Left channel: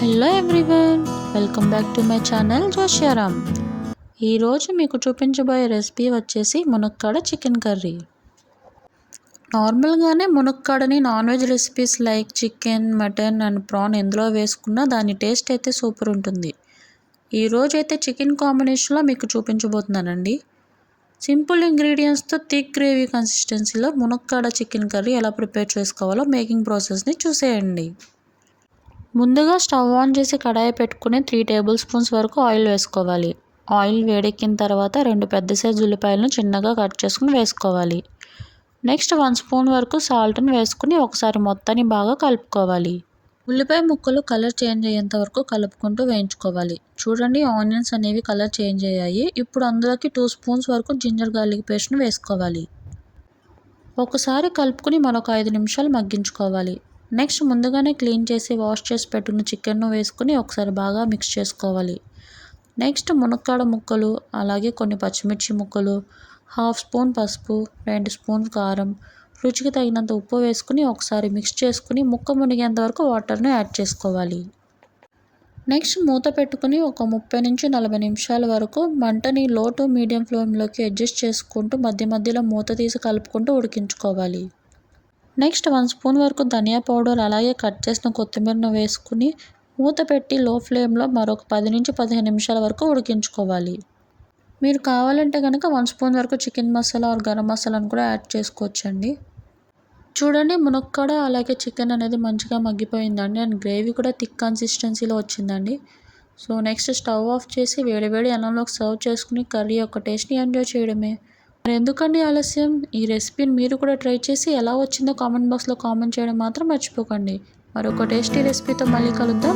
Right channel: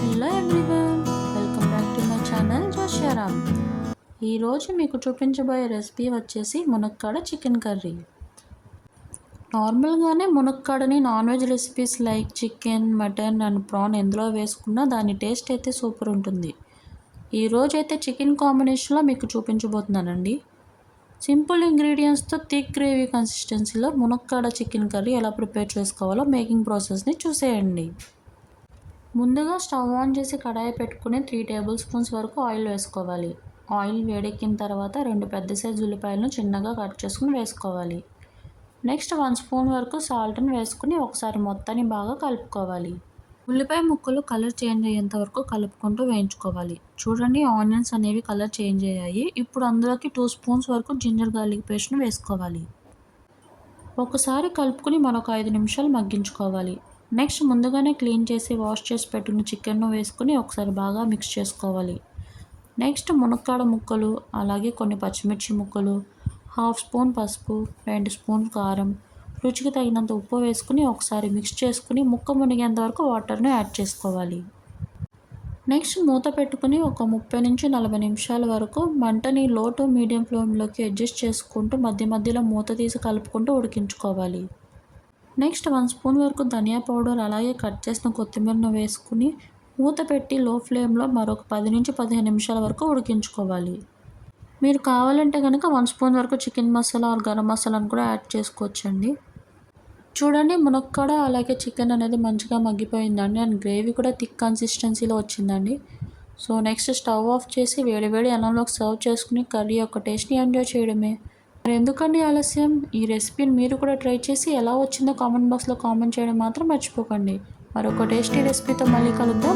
Hello everyone, welcome back to my channel జోష్యారామ్. ఈరోజు మీకు చూపించబోయే రెసిపీ వచ్చేసి మునక్కాడ చికెన్ కర్రీ. నార్మల్గానే మునక్కాడని non veg recipes like chicken, mutton and prawn ఎందులో వేసుకున్నా దాని టేస్ట్ అయితే సూపర్ ఉంటుంది. ఈరోజు అయితే చికెన్ కాంబినేషన్లో మీకు చూపించబోతున్నానండి. సింపుల్ ఇంగ్రీడియంట్స్తో థిక్ గ్రేవీ కన్సిస్టెన్సీలో మునక్కాడ చికెన్ కర్రీ ఎలా ప్రిపేర్ చేసుకోవాలో మేకింగ్ ప్రాసెస్ని చూసేయండి. ముందుగా స్టవ్ ఆన్ చేసి కడాయి పెట్టుకుని 3 టేబుల్ స్పూన్స్ వరకు ఆయిల్ వేసుకోవాలి. ఆయిల్ వేడెక్కిన తర్వాత 2 పెద్ద సైజు ఉల్లిపాయలను చిన్నగా కట్ చేసుకుని వేసుకోవాలి. నెక్స్ట్ 1 స్పూన్ వరకు సాల్ట్ని వేసుకుని ఒకసారి మొత్తాన్ని బాగా కలుపుకోవాలి. ఉల్లిపాయ ముక్కలు కలర్ చేంజ్ అయ్యేంత వరకు కలుపుకుంటూ వేయించుకోవాలి. చూడండి, ఆనియన్స్ అనేవి కలర్ చేంజ్ అయ్యాయి. ఇప్పుడు అందులోకి 2 స్పూన్స్ వరకు జింజర్ గార్లిక్ పేస్ట్ని వేసుకోవాలి. ఒకసారి కలుపుకుని మరొక 5 నిమిషాలు మగ్గించుకోవాలి. నెక్స్ట్ ముందుగానే క్లీన్ చేసి వాష్ చేసి పెట్టుకున్న చికెన్ను వేసుకుని ఒకసారి బాగా మిక్స్ చేసుకోవాలి. నెక్స్ట్ మునక్కాడ ముక్కలు, అలాగే కొన్ని పచ్చిమిర్చి ముక్కలు, 1/2 స్పూన్ పసుపు, 2 స్పూన్స్ కారం, రుచికి తగినంత ఉప్పు వేసుకుని ఒకసారి మిక్స్ చేసుకుని ముక్క మునిగేంత వరకు వాటర్ని యాడ్ చేసుకోవాలి. నెక్స్ట్ మూత పెట్టుకుని ఒక 30 నుంచి 40 నిమిషాల వరకు మంటని లో టు మీడియం ఫ్లేమ్లోకి అడ్జస్ట్ చేసుకుంటూ మధ్య మధ్యలో మూత తీసి కలుపుకుంటూ ఉడికించుకోవాలి. నెక్స్ట్ 1 స్పూన్ వరకు ధనియా పౌడర్, అలాగే కట్ చేసిన కొత్తిమీరను వేసుకుని మూత పెట్టి లో ఫ్లేమ్లో మరొక 10 నుంచి 15 నిమిషాల వరకు ఉడికించుకోవాలి. మీరు కావాలంటే కనుక 1 స్పూన్ వరకు చికెన్ మసాలా ఆర్ గరం మసాలాను కూడా యాడ్ చేసుకోవచ్చండి. చూడండి, మునక్కాడ అలాగే చికెన్ అనేది మంచిగా మగ్గిపోయిందండి అండ్ గ్రేవీ కూడా థిక్ కన్సిస్టెన్సీలో వచ్చిందండి. సో నెక్స్ట్ స్టవ్ ఆఫ్ చేసి వేడివేడి అన్నంలోకి సర్వ్ చేసుకుని కర్రీ యొక్క టేస్ట్ని ఎంజాయ్ చేయడమే. మరి ఎందుకండి ఆలస్యం, ఈ రెసిపీని మీరు కూడా ట్రై చేసి ఎలా వచ్చిందో కామెంట్ బాక్స్లో కామెంట్ చేయడం మాత్రం మర్చిపోకండి. మరొక టేస్టీ రెసిపీతో మళ్ళీ కలుద్దాం.